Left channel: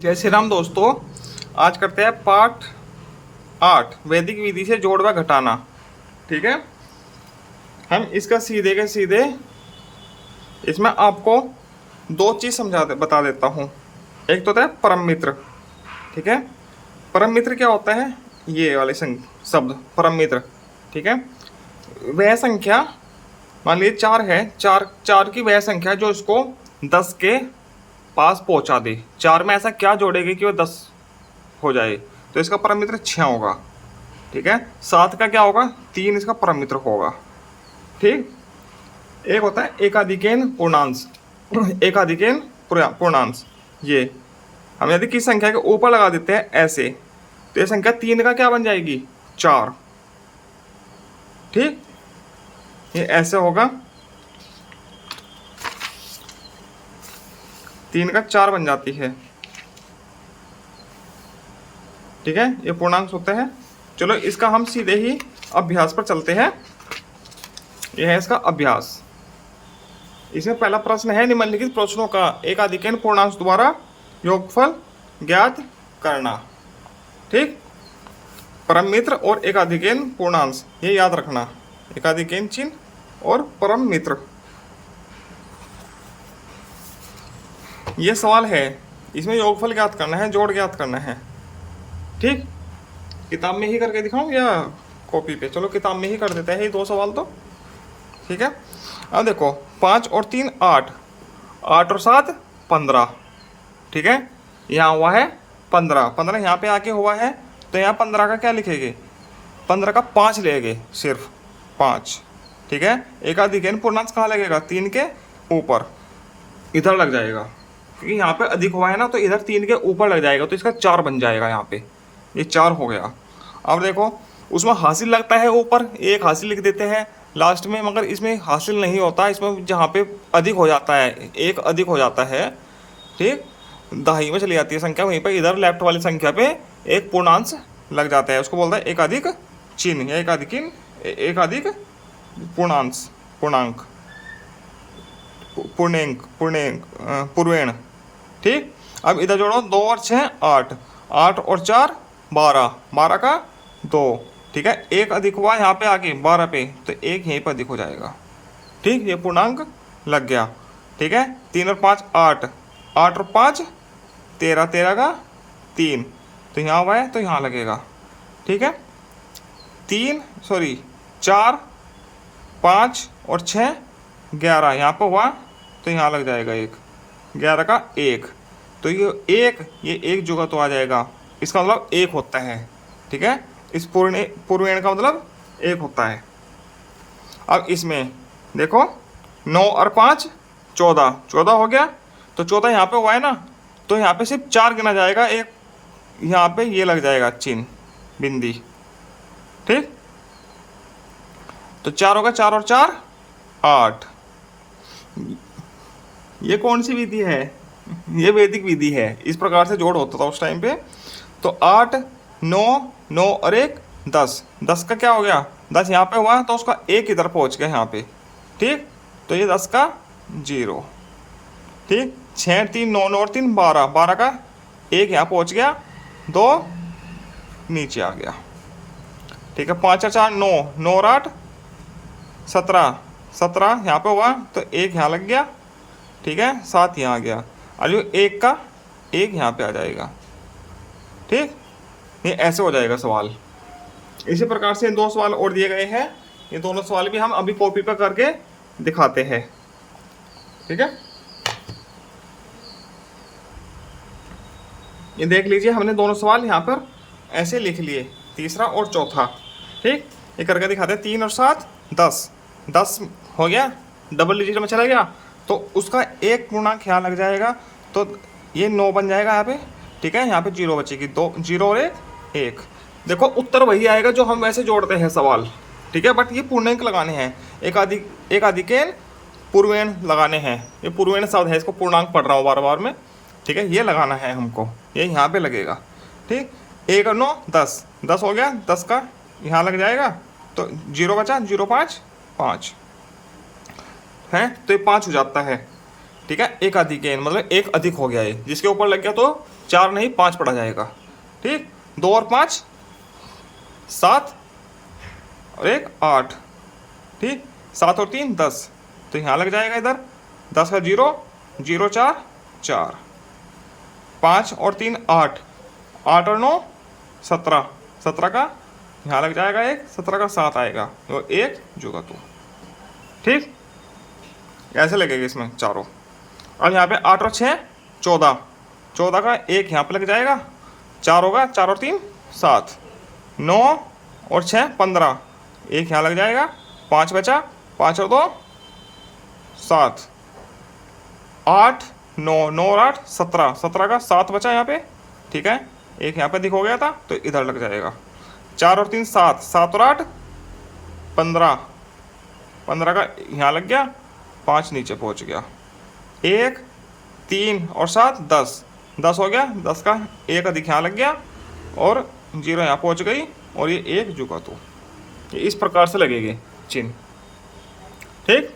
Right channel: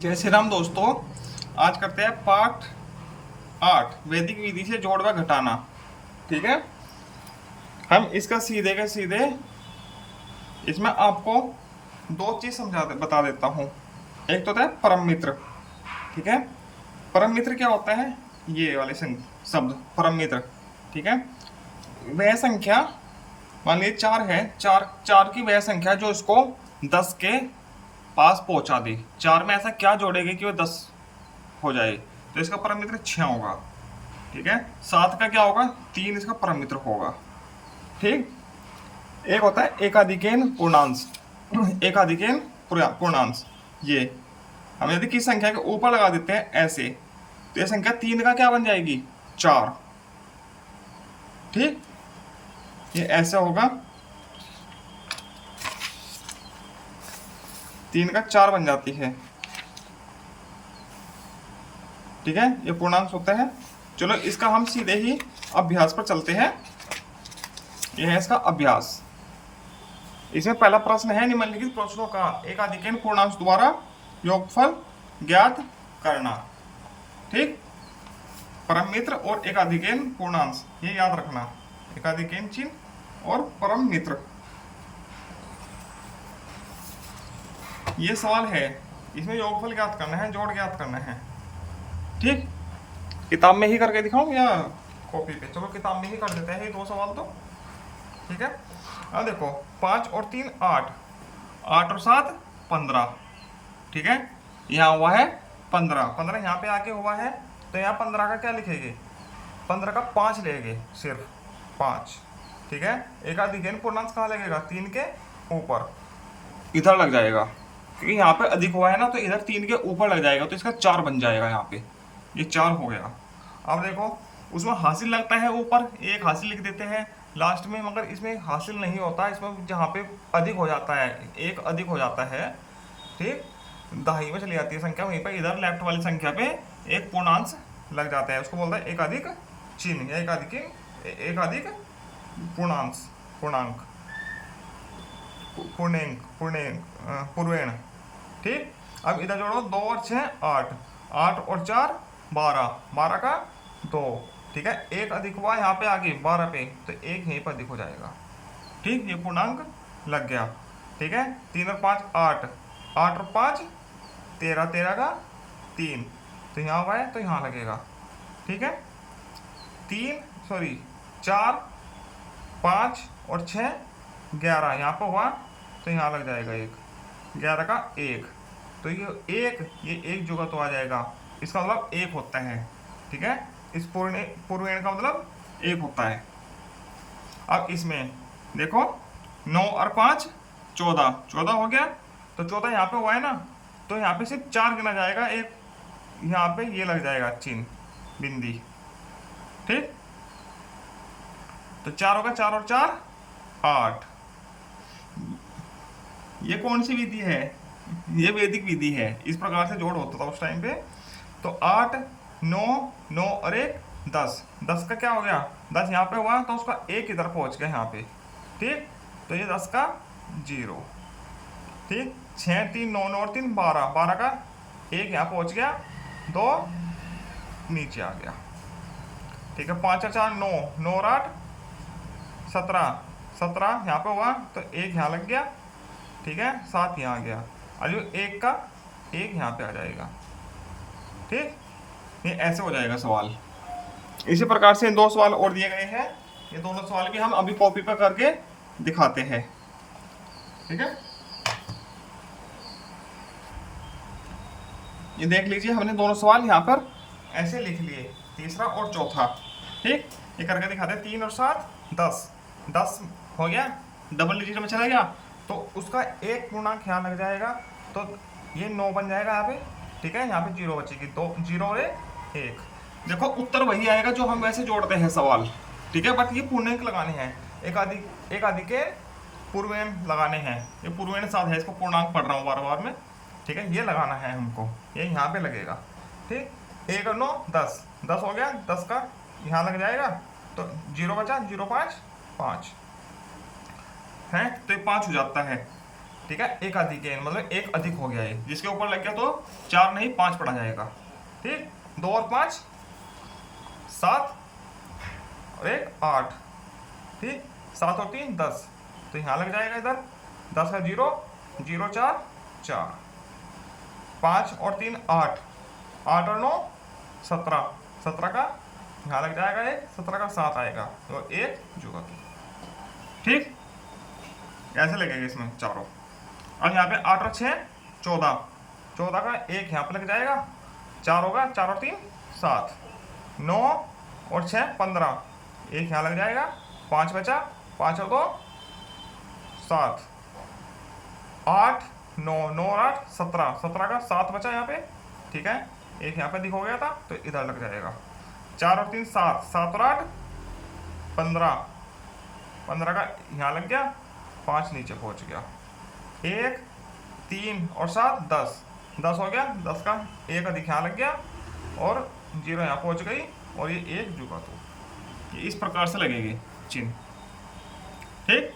जय श्री राम दोस्तों। आज करते हैं पाठ 8 वैदिक विधि से जोड़ व घटाना। ठीक है, हम इसका सीधे के सीधे इसमें आपको दो चीज बता देता हूँ। एक तो होता है परम मित्र। ठीक है, परम मित्र क्या होता है? ये वाले शब्द परम मित्र। ठीक है, वह संख्या मान लीजिए 4 है, चार चार की वह संख्या जो इसको 10 के पास पहुंचा दे। 4 में ऐसा क्या जोड़ेगी कि वो 10 हो जाए? तो इसका परम मित्र 6 होगा। ठीक है, 7 का क्या होगा? 3 इसका परम मित्र होगा। ठीक, एक होता है एकाधिकेन पूर्णांश। एकाधिकेन पूर्णांश, ये हम यदि किस संख्या के ऊपर लगा देते हैं ऐसे, तो ये संख्या 3 का क्या बन जाएगी? 4। ठीक, ये ऐसे होगा, 3 का 4 बन जाती है। ठीक है, ये पूर्णांक होता है। चलो इसका हम सीधे ही अभ्यास पर चलते हैं। यह है इसका अभ्यास। इसमें पहला प्रश्न है निम्नलिखित प्रश्नों का एकाधिकेन पूर्णांश द्वारा योगफल ज्ञात करना। ठीक, परम मित्र और एकाधिकेन पूर्णांश, ये याद रखना। एकाधिकेन चिन्ह और परम मित्र, ये सवाल है। इसमें योगफल ज्ञात करना है, जोड़ ज्ञात करना है। ठीक, किताब में ही करके दिखाऊं या कॉपी पे? चलो किताब में ही कर देते हैं ये दो सवाल तो। ठीक है, अब देखो 5 और 3 8, 8 और 7 15। ठीक है, यहाँ हुआ है 15, 15 यहाँ पे आके हुआ है, तो यहाँ 15 का क्या लिखेंगे? 15 का 5 लेंगे, सिर्फ 5। ठीक है, एकाधिकेन पूर्णांश कहाँ लगेगा? 3 के ऊपर, इधर लग जाएगा, क्योंकि यहाँ पे अधिक हुआ है ना, तो इधर 3 के ऊपर लग जाएगा, तो इसका 4 बन जाएगा। यहाँ पे ये 4 हो गया। अब देखो उसमें हासिल लगता है ऊपर, एक हासिल लिख देते हैं लास्ट में, मगर इसमें हासिल नहीं होता। इसमें जहाँ पे अधिक हो जाता है, एक अधिक हो जाता है, ठीक, दहाई में चली जाती है संख्या, वहीं पर इधर लेफ्ट वाली संख्या पे एक पूर्णांश लग जाता है, उसको बोलता है एकाधिक चिन्ह या एकाधिक पूर्णांश, पूर्णांक, पूर्वेण। ठीक, अब इधर जोड़ो 2 और 6 8, 8 और 4 12, 12 का 2। ठीक है, एक अधिक हुआ यहाँ पे आके 12 पे, तो एक यहीं पर अधिक हो जाएगा। ठीक, ये पूर्णांक लग गया। ठीक है, 3 और 5 8, 8 और 5 13, 13 का 3, तो यहाँ हुआ है तो यहाँ लगेगा। ठीक है, 4 5 और 6 11, यहाँ पर हुआ तो यहाँ लग जाएगा 1, 11 का 1, तो ये एक जगह तो आ जाएगा, इसका मतलब 1 होता है। ठीक है, इस पूर्वेण का मतलब 1 होता है। अब इसमें देखो 9 और 5 14, 14 हो गया, तो 14 यहाँ पे हुआ है ना, तो यहाँ पे सिर्फ 4 गिना जाएगा, एक यहाँ पे ये लग जाएगा चिन्ह, बिंदी। ठीक, तो 4 होगा, 4 और 4 8। ये कौन सी विधि है? ये वैदिक विधि है। इस प्रकार से जोड़ होता था उस टाइम पे। तो 8 9 9 और 1 10, 10 का क्या हो गया? 10 यहाँ पे हुआ तो उसका 1 इधर पहुंच गया यहाँ पे। ठीक, तो ये 10 का 0। ठीक, 6 3 9 9 और 3 12, 12 का 1 यहाँ पहुंच गया, 2 नीचे आ गया। ठीक है, 5 और 4 9, 9 और 8 17, 17 यहाँ पे हुआ तो 1 यहाँ लग गया। ठीक है, 7 यहाँ आ गया, और 1 का 1 यहाँ पे आ जाएगा। ठीक, ये ऐसे हो जाएगा सवाल। इसी प्रकार से 2 सवाल और दिए गए हैं, ये दोनों सवाल भी हम अभी कॉपी पर करके दिखाते हैं। ठीक है, ये देख लीजिए, हमने दोनों सवाल यहाँ पर ऐसे लिख लिए, तीसरा और चौथा। ठीक, ये करके दिखाते हैं। 3 और 7 10, 10 हो गया, डबल डिजिट में चला गया, तो उसका एक पूर्णांक यहाँ लग जाएगा, तो ये 9 बन जाएगा यहाँ पे। ठीक है, यहाँ पे 0 बचेगी, 2 0 और 1। देखो उत्तर वही आएगा जो हम वैसे जोड़ते हैं सवाल। ठीक है, बट ये पूर्णांक लगाने हैं, एकाधिकेन पूर्वेण लगाने हैं। ये पूर्वेण शब्द है, इसको पूर्णांक पढ़ रहा हूँ बार बार में। ठीक है, ये लगाना है हमको, ये यहाँ पे लगेगा। ठीक, 1 और 9 10, 10 हो गया, 10 का यहाँ लग जाएगा, तो 0 बचा, 0 5 5 है, तो ये 5 हो जाता है। ठीक है, एक अधिक n मतलब एक अधिक हो गया है, जिसके ऊपर लग गया तो 4 नहीं 5 पड़ा जाएगा। ठीक, 2 और 5 7 और 1 8। ठीक, 7 और 3 10, तो यहाँ लग जाएगा इधर 10 का 0 0 4 4, 5 और 3 8, 8 और 9 17, 17 का यहाँ लग जाएगा 1, 17 का 7 आएगा तो 1 जुगा 2। ठीक, ऐसे लगेगा इसमें चारों। और यहाँ पे 8 और 6 14, 14 का 1 यहाँ पे लग जाएगा, 4 होगा, 4 और 3 7, 9 और 6 15, 1 यहाँ लग जाएगा, 5 बचा, 5 और 2 7, 8 9 9 और 8 17, 17 का 7 बचा यहाँ पे। ठीक है, 1 यहाँ पे दिख हो गया था तो इधर लग जाएगा, 4 और 3 7, 7 और 8 15, 15 का यहाँ लग गया, 5 नीचे पहुँच गया, 1 3 और 7 10, 10 हो गया, 10 का 1 अधिक यहाँ लग गया और 0 यहाँ पहुँच गई और ये 1 जुगा 2। ये इस प्रकार से लगेगी चिन्ह। ठीक,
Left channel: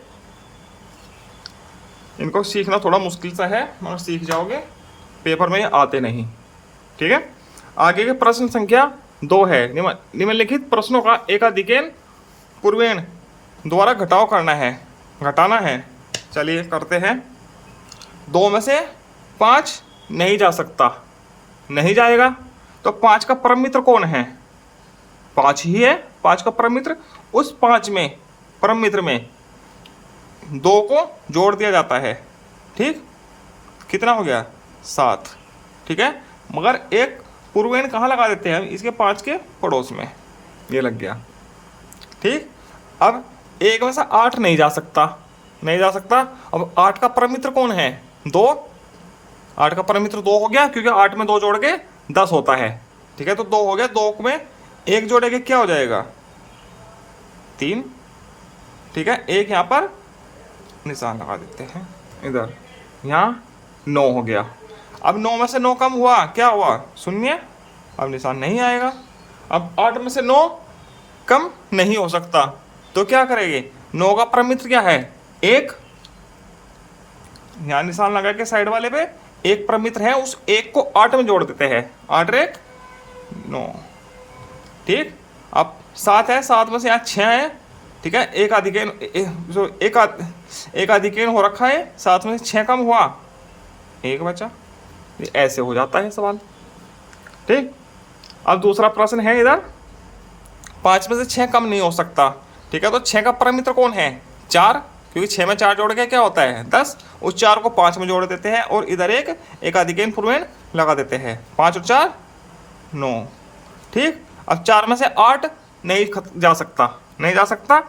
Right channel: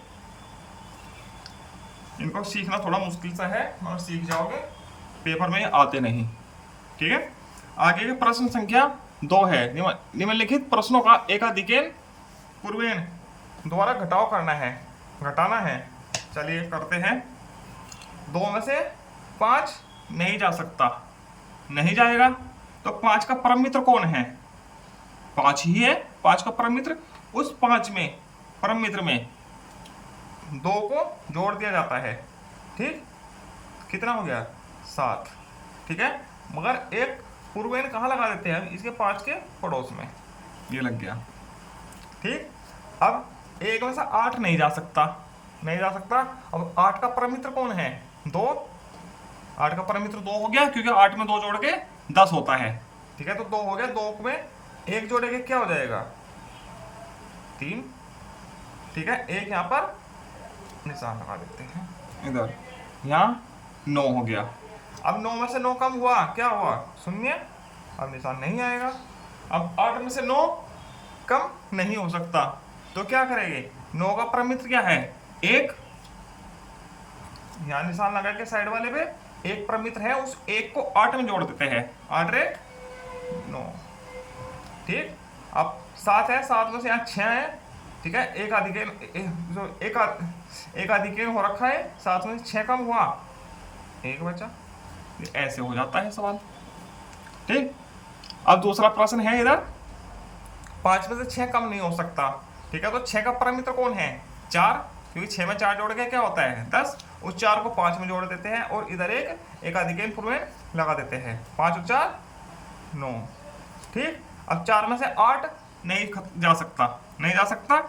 इनको सीखना थोड़ा मुश्किल सा है मगर सीख जाओगे, पेपर में ये आते नहीं। ठीक है, आगे के प्रश्न संख्या 2 है, निम्नलिखित प्रश्नों का एकाधिकेन पूर्वेण द्वारा घटाव करना है, घटाना है। चलिए करते हैं। 2 में से 5 नहीं जा सकता, नहीं जाएगा तो 5 का परम मित्र कौन है? 5 ही है, 5 का परम मित्र। उस 5 में परम मित्र में 2 को जोड़ दिया जाता है। ठीक, कितना हो गया? 7। ठीक है, मगर एक पूर्वेण कहाँ लगा देते हैं? इसके 5 के पड़ोस में, ये लग गया। ठीक, अब 1 में से 8 नहीं जा सकता, नहीं जा सकता। अब 8 का परम मित्र कौन है? 2। 8 का परम मित्र 2 हो गया, क्योंकि 8 में 2 जोड़ के 10 होता है। ठीक है, तो 2 हो गया, 2 में 1 जोड़ेंगे क्या हो जाएगा? 3। ठीक है, 1 यहाँ पर निशान लगा देते हैं, इधर यहाँ 9 हो गया। अब 9 में से 9 कम हुआ, क्या हुआ? 0। अब निशान नहीं आएगा। अब 8 में से 9 कम नहीं हो सकता, तो क्या करेंगे? 9 का परम मित्र क्या है? 1। यहाँ निशान लगा के साइड वाले पे 1 परम मित्र है, उस 1 को 8 में जोड़ देते हैं। 8 × 1 9। ठीक, अब 7 है, 7 में से यहाँ 6 है। ठीक है, एक अधिकेन हो रखा है, 7 में से 6 कम हुआ, 1 बचा। ये ऐसे हो जाता है सवाल। ठीक, अब दूसरा प्रश्न है इधर, 5 में से 6 कम नहीं हो सकता। ठीक है, तो 6 का परम मित्र कौन है? 4, क्योंकि 6 में 4 जोड़ के क्या होता है? 10। उस 4 को 5 में जोड़ देते हैं और इधर एक अधिकेन पूर्वेण लगा देते हैं। 5 और 4 9। ठीक, अब 4 में से 8 नहीं जा सकता, नहीं जा सकता,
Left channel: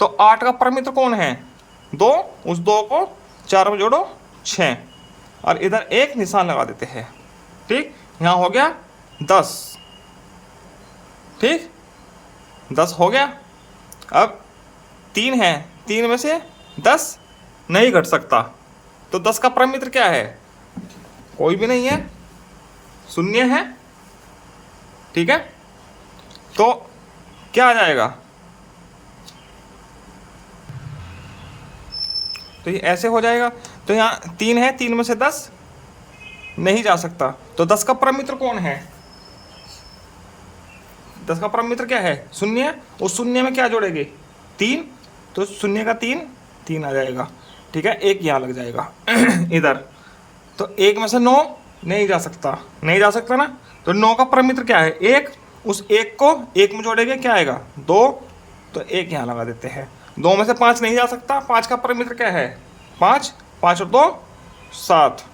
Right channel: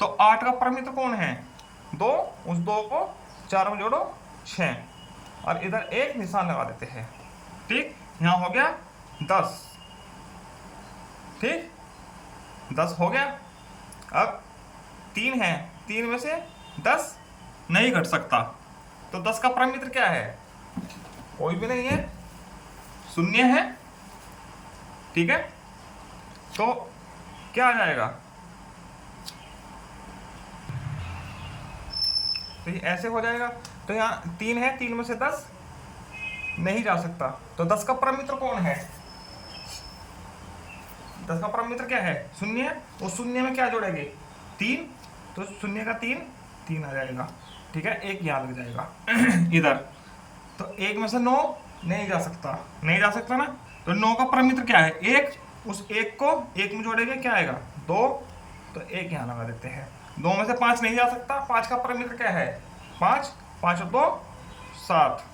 तो 8 का परम मित्र कौन है? 2। उस 2 को 4 में जोड़ो 6 और इधर 1 निशान लगा देते हैं। ठीक, यहाँ हो गया 10। ठीक, 10 हो गया। अब 3 है, 3 में से 10 नहीं घट सकता, तो 10 का परम मित्र क्या है? कोई भी नहीं है, 0 है। ठीक है, तो क्या आ जाएगा? तो ये ऐसे हो जाएगा। तो यहाँ 3 है, 3 में से 10 नहीं जा सकता, तो 10 का परम मित्र कौन है? 10 का परम मित्र क्या है? 0। उस 0 में क्या जोड़ेंगे? 3, तो 0 का 3 आ जाएगा। ठीक है, 1 यहाँ लग जाएगा इधर। तो 1 में से 9 नहीं जा सकता, नहीं जा सकता ना, तो 9 का परम मित्र क्या है? 1। उस 1 को 1 में जोड़ेंगे क्या आएगा? 2, तो 1 यहाँ लगा देते हैं। 2 में से 5 नहीं जा सकता, 5 का परम मित्र क्या है? 5। 5 और 2 7,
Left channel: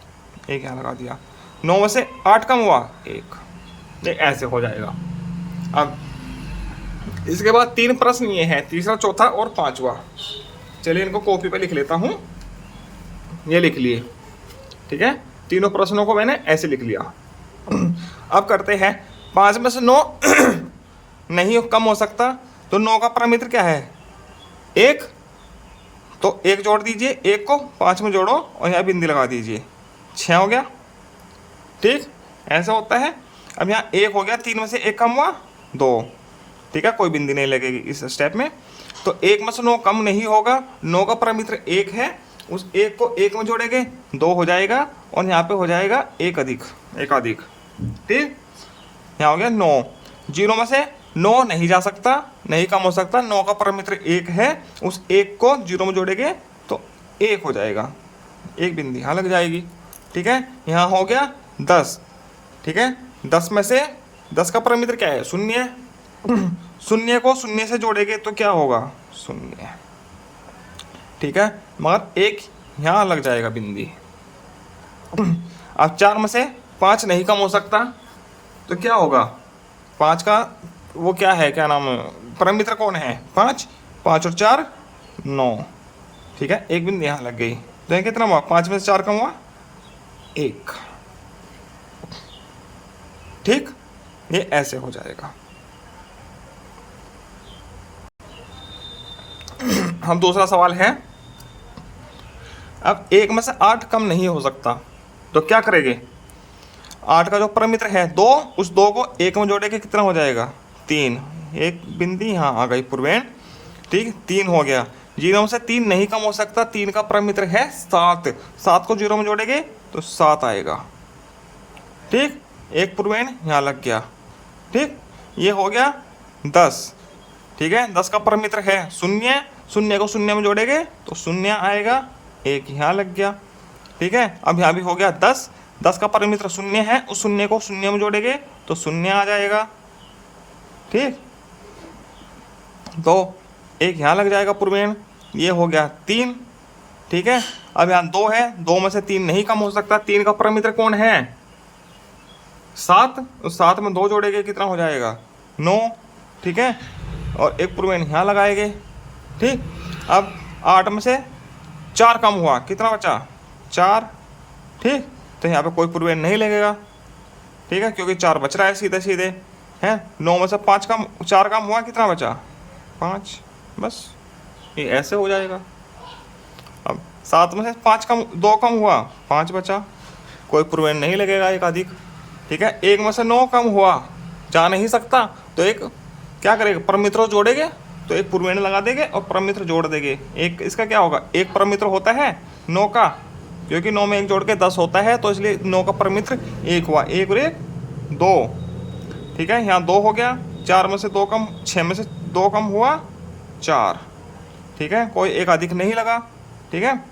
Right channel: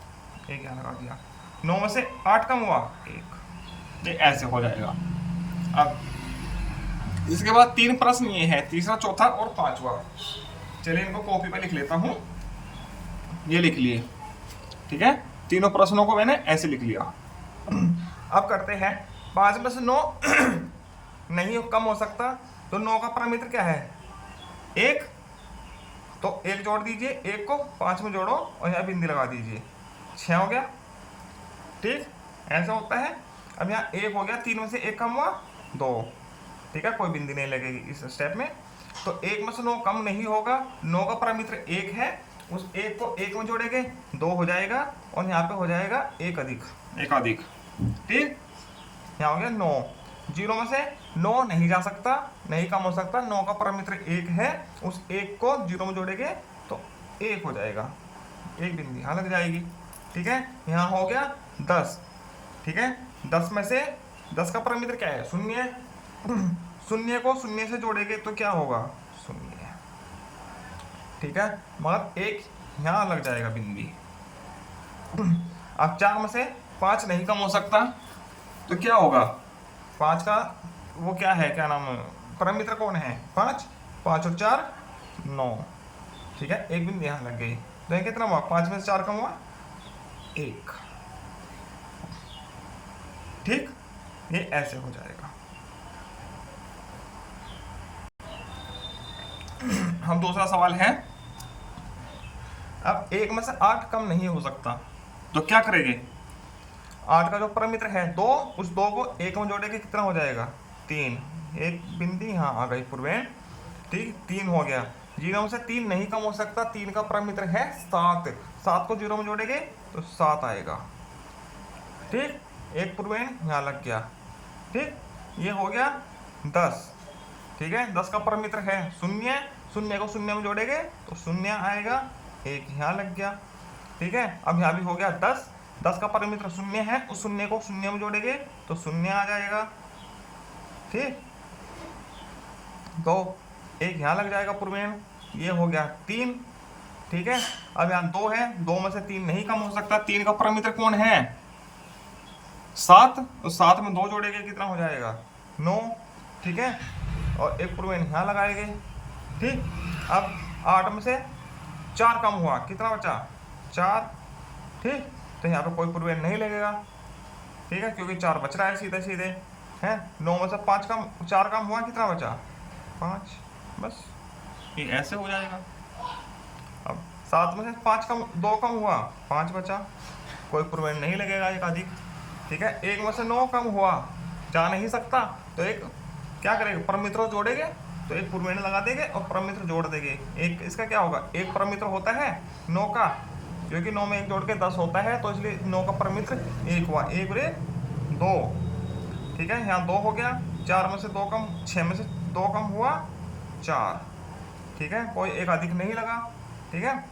1 यहाँ लगा दिया। 9 में से 8 कम हुआ, 1। ये ऐसे हो जाएगा। अब इसके बाद 3 प्रश्न ये है, तीसरा, चौथा और 5वां। चलिए इनको कॉपी पे लिख लेता हूँ, ये लिख लिए। ठीक है, तीनों प्रश्नों को मैंने ऐसे लिख लिया। अब करते हैं, 5 में से 9 नहीं कम हो सकता, तो 9 का परम मित्र क्या है? 1। तो 1 जोड़ दीजिए, 1 को 5 में जोड़ो और यहाँ बिंदी लगा दीजिए, 6 हो गया। ठीक, ऐसा होता है। अब यहाँ 1 हो गया, 3 में से 1 कम हुआ, 2। ठीक है, कोई बिंदी नहीं लगेगी इस स्टेप में। तो 1 में से 9 कम नहीं होगा, 9 का परम मित्र 1 है, उस एक को एक में जोड़ेंगे 2 हो जाएगा, और यहाँ पे हो जाएगा एक अधिक। ठीक, यहाँ हो गया 9। 0 में से 9 नहीं जा सकता, नहीं कम हो सकता, 9 का परम मित्र 1 है, उस 1 को 0 में जोड़ेंगे तो 1 हो जाएगा, एक बिंदी यहाँ लग जाएगी। ठीक है, यहाँ हो गया 10। ठीक है, 10 में से 10 का परम मित्र क्या है? 0। 0 को 0 से जोड़ेंगे तो क्या होगा? 0। ठीक है, मगर 1 यहाँ लग जाएगा बिंदी। अब 4 में से 5 नहीं कम हो सकता तो क्या होगा? 5 का वो क्या है, क्या नाम है, परम मित्र कौन है? 5। 5 और 4 9। ठीक है, एक बिंदी यहाँ लग गई, तो ये कितना हुआ? 5 में से 4 कम हुआ 1। ठीक, ये ऐसे हो जाएगा। हम दूसरा सवाल है, अब 1 में से 8 कम नहीं हो सकता तो क्या करेंगे? 8 का जो परम मित्र है 2, उस 2 को 1 में जोड़ेंगे, कितना हो जाएगा? 3। एक बिंदी यहाँ आ गई पूर्वेण। ठीक, 3 हो गया। 0 में से 3 नहीं कम हो सकता, 3 का परम मित्र है 7। 7 को 0 में जोड़ेंगे तो 7 आएगा। ठीक, एक पूर्वेण यहाँ लग गया। ठीक, ये हो गया 10। ठीक है, 10 का परम मित्र है 0। 0 को 0 में जोड़ेंगे तो 0 आएगा, एक यहाँ लग गया। ठीक है, अब यहाँ भी हो गया 10। 10 का परम मित्र 0 है, उस 0 को 0 में जोड़ेंगे तो 0 आ जाएगा। ठीक, तो एक यहाँ लग जाएगा पूर्वेण, ये हो गया 3। ठीक है, अब यहाँ 2 है, 2 में से 3 नहीं कम हो सकता, 3 का परम मित्र कौन है? 7। उस 7 में 2 जोड़ेंगे, कितना हो जाएगा? 9। ठीक है, और एक पूर्वेण यहाँ लगाएंगे। ठीक, अब 8 में से 4 कम हुआ, कितना बचा? 4। ठीक, तो यहाँ पे कोई पूर्वेण नहीं लगेगा। ठीक है, क्योंकि 4 बच रहा है सीधे सीधे है। 9 में से 4 कम हुआ, कितना बचा? 5। बस ये ऐसे हो जाएगा। अब 7 में से 2 कम हुआ, 5 बचा, कोई पूर्वेण नहीं लगेगा, एक अधिक। ठीक है, 1 में से 9 कम हुआ, जा नहीं सकता, तो एक क्या करेंगे? परम मित्र जोड़ेंगे तो एक पूर्वेण लगा देंगे और परम मित्र जोड़ देंगे। एक इसका क्या होगा? एक परम मित्र होता है 9 का, क्योंकि 9 में 1 जोड़ के 10 होता है, तो इसलिए 9 का परम मित्र 1 हुआ। 1 और 1 2। ठीक है, यहाँ 2 हो गया। 4 में से 2 कम, 6 में से 2 कम हुआ 4। ठीक है, कोई एक अधिक नहीं लगा। ठीक है,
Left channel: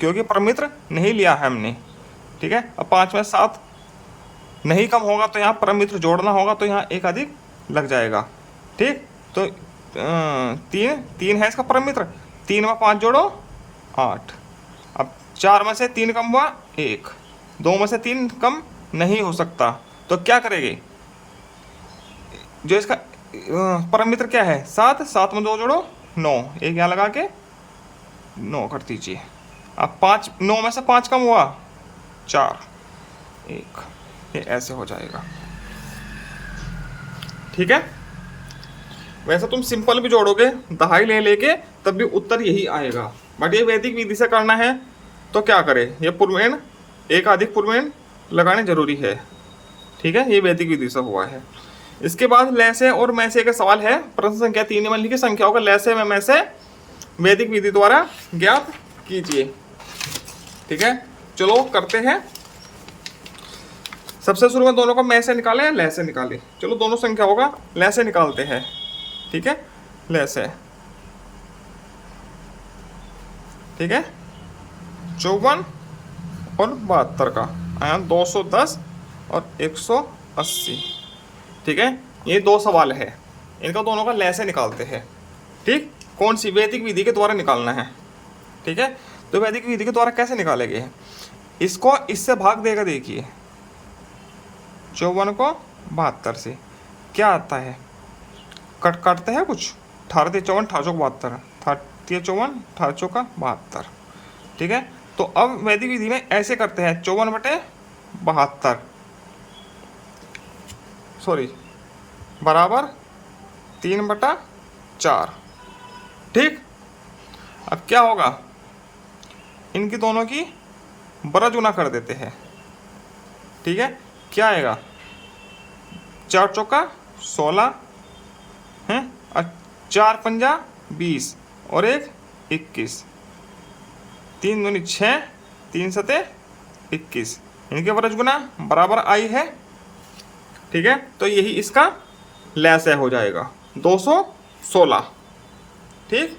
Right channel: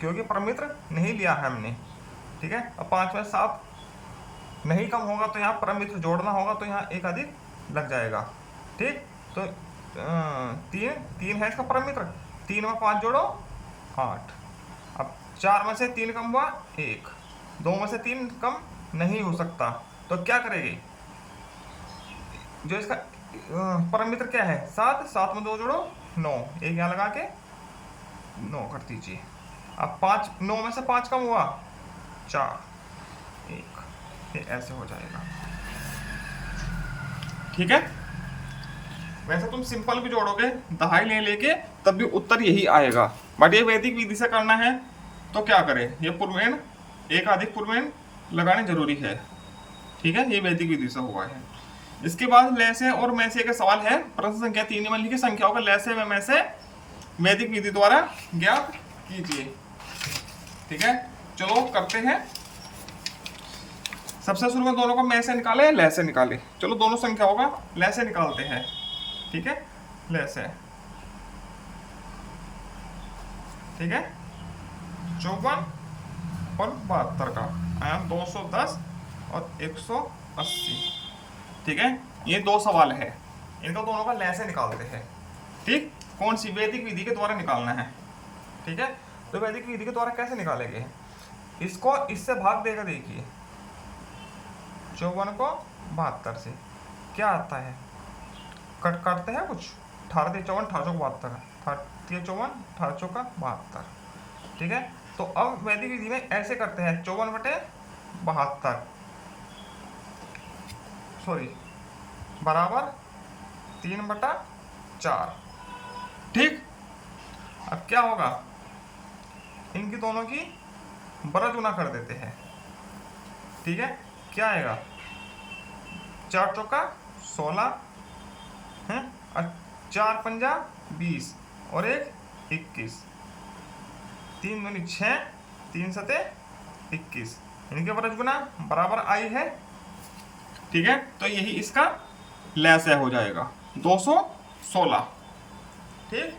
क्योंकि परम मित्र नहीं लिया है हमने। ठीक है, अब 5 में 7 नहीं कम होगा तो यहाँ परम मित्र जोड़ना होगा, तो यहाँ एक अधिक लग जाएगा। ठीक, तो 3 है इसका परम मित्र, 3 में 5 जोड़ो 8। अब 4 में से 3 कम हुआ 1। 2 में से 3 कम नहीं हो सकता, तो क्या करेंगे? जो इसका परम मित्र क्या है? 7। 7 में 2 जोड़ो 9, एक यहाँ लगा के 9 कर दीजिए। अब 9 में से 5 कम हुआ 4, 1, ये ऐसे हो जाएगा। ठीक है, वैसे तुम सिंपल भी जोड़ोगे दहाई ले लेके तब भी उत्तर यही आएगा, बट ये वैदिक विधि से करना है तो क्या करें? ये पूर्वेण, एक अधिक पूर्वेण लगाने जरूरी है। ठीक है, ये वैदिक विधि से हुआ है। इसके बाद लय से और मैं से का सवाल है। प्रश्न संख्या 3 में लिखी संख्याओं का लय से मैं से वैदिक विधि द्वारा ज्ञात कीजिए। ठीक है, चलो करते हैं। सबसे शुरू में दोनों को मैं से निकाले या लय से निकाले? चलो दोनों संख्याओं का लय से निकालते हैं। ठीक है, लय से। ठीक है, 54 और 72 का आया 210 और 180। ठीक है, ये 2 सवाल है, इनका दोनों का लय से निकालते हैं। ठीक, कौन सी? वैदिक विधि के द्वारा निकालना है। ठीक है, तो वैदिक विधि के द्वारा कैसे निकालेंगे? इसको इससे भाग देगा। देखिए 54 को 72 से क्या आता है? काटते हैं कुछ, 18 × 54 18 × 72, 18 × 54 18 × 72। ठीक है, तो अब वैदिक विधि में ऐसे करते हैं 54/72 सॉरी बराबर 3/4। ठीक, अब क्या होगा? इनकी दोनों की बड़ा गुना कर देते हैं। ठीक है, क्या आएगा? 4 चौका 16 है, और 4 पंजा 20 और 1 21। 3 दूनी 6, 3 सते 21, इनके वर्ज गुना बराबर आई है। ठीक है, तो यही इसका लसाय हो जाएगा 216। ठीक,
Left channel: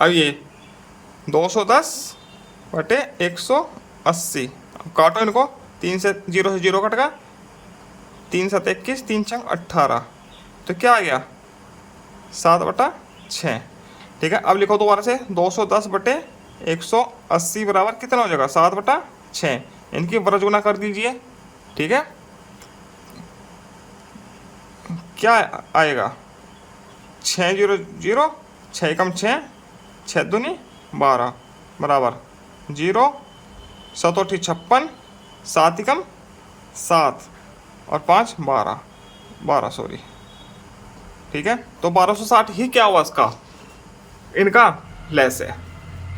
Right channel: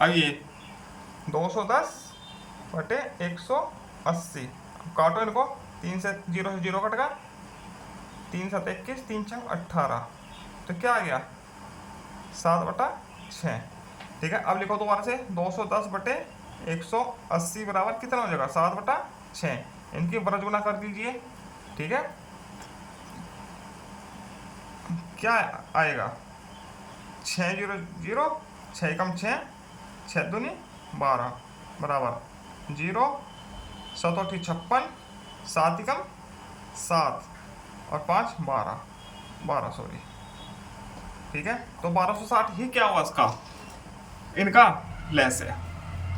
अब ये 210 बटे 180, अब काटो इनको, 3 से 0 कट गया, 3 7 21, 3 छंग 18, तो क्या आ गया 7/6। ठीक है, अब लिखो दोबारा से 210 बटे 180 बराबर कितना हो जाएगा 7/6, इनकी वर्ज गुना कर दीजिए। ठीक है, क्या आएगा 6 0 0, 6 कम 6, 6 दूनी 12 बराबर 0, 7 8 56, 7 कम 7 और 5 12 सॉरी। ठीक है, तो 1260 ही क्या हुआ इसका, इनका लसाय।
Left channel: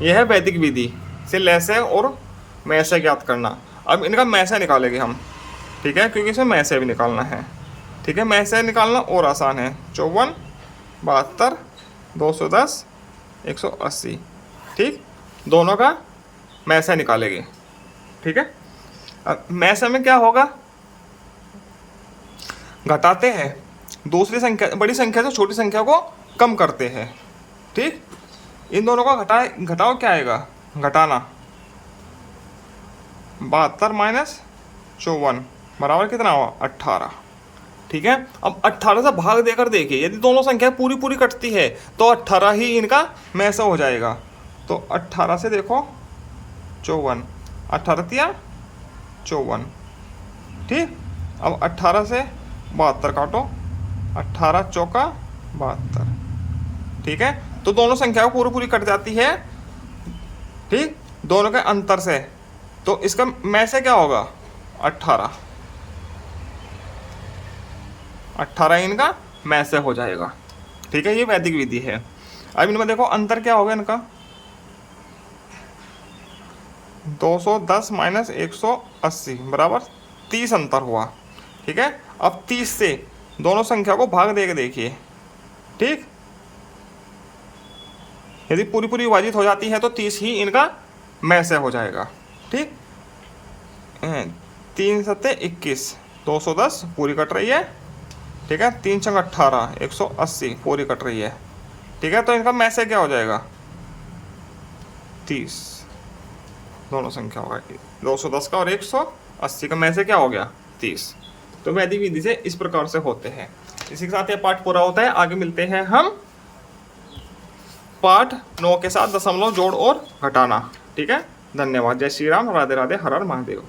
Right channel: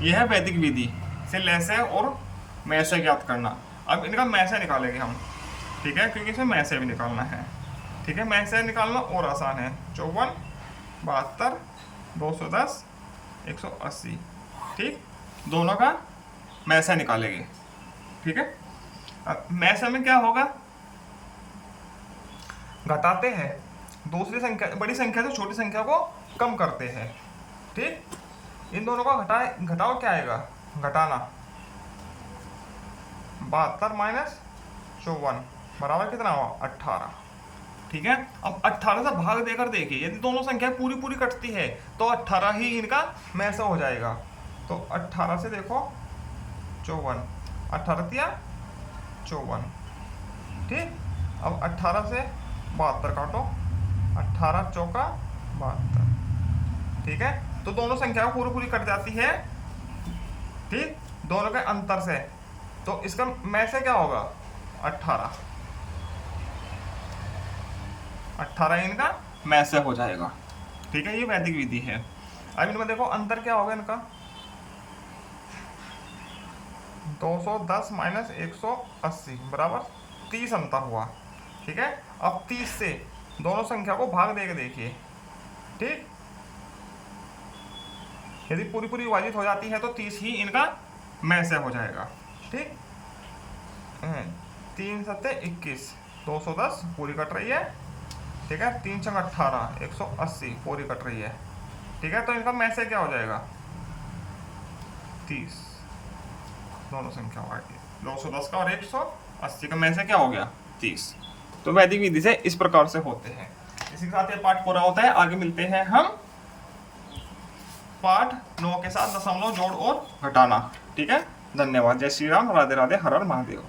यह है वैदिक विधि से लसाय और मैसाय ज्ञात करना। अब इनका मैसाय निकालेंगे हम। ठीक है, क्योंकि इसमें मैसाय भी निकालना है। ठीक है, मैसाय निकालना और आसान है, 54 72 210 180। ठीक, दोनों का मैसाय निकालेंगे। ठीक है, अब मैसाय में क्या होगा, घटाते हैं, दूसरी संख्या बड़ी संख्या से छोटी संख्या को कम करते हैं। ठीक, इन दोनों का घटाओ क्या आएगा, घटाना 72 माइनस 54 बराबर कितना हुआ 18। ठीक है, अब 18 से भाग देकर देखिए, यदि दोनों संख्या पूरी पूरी कटती है तो 18 ही इनका मैसाय हो जाएगा। तो 18 से देखो 54, 18 तिया 54। ठीक, अब 18 से 72 काटो, 18 चौका 72। ठीक है, तो दोनों संख्या पूरी पूरी कट जाती है। ठीक, दोनों के अंतर से, तो इसका मैसाय क्या होगा 18 इनका मैसाय हो जाएगा। ठीक है, ये वैदिक विधि है। अब इनमें देखो अंतर क्या होगा इनका, 210 माइनस 180 बराबर 30 अंतर हुआ। ठीक है, अब 30 से दोनों संख्या को भाग देके देखिए। ठीक, यदि पूरी पूरी विभाजित हो जाती है तो 30 ही इनका मैसाय हो जाएगा। ठीक, 3 7 21, 210 पूरी कट रही है। ठीक है, 3 6 18, 180 पूरी कट रही है। ठीक है, तो इनका मैसाय क्या हो जाएगा 30, दोनों संख्या होगा 210 का और 180 का मैसाय क्या हो गया 30। तो वैदिक विधि से इस प्रकार से होते हैं। इसी के साथ ये पाठ पूरा होता है। आगे मिलते हैं हम पाठ 9 के साथ दशमलव जोड़ और घटाना। ठीक है, धन्यवाद। जय श्री राम, राधे राधे, हर हर महादेव।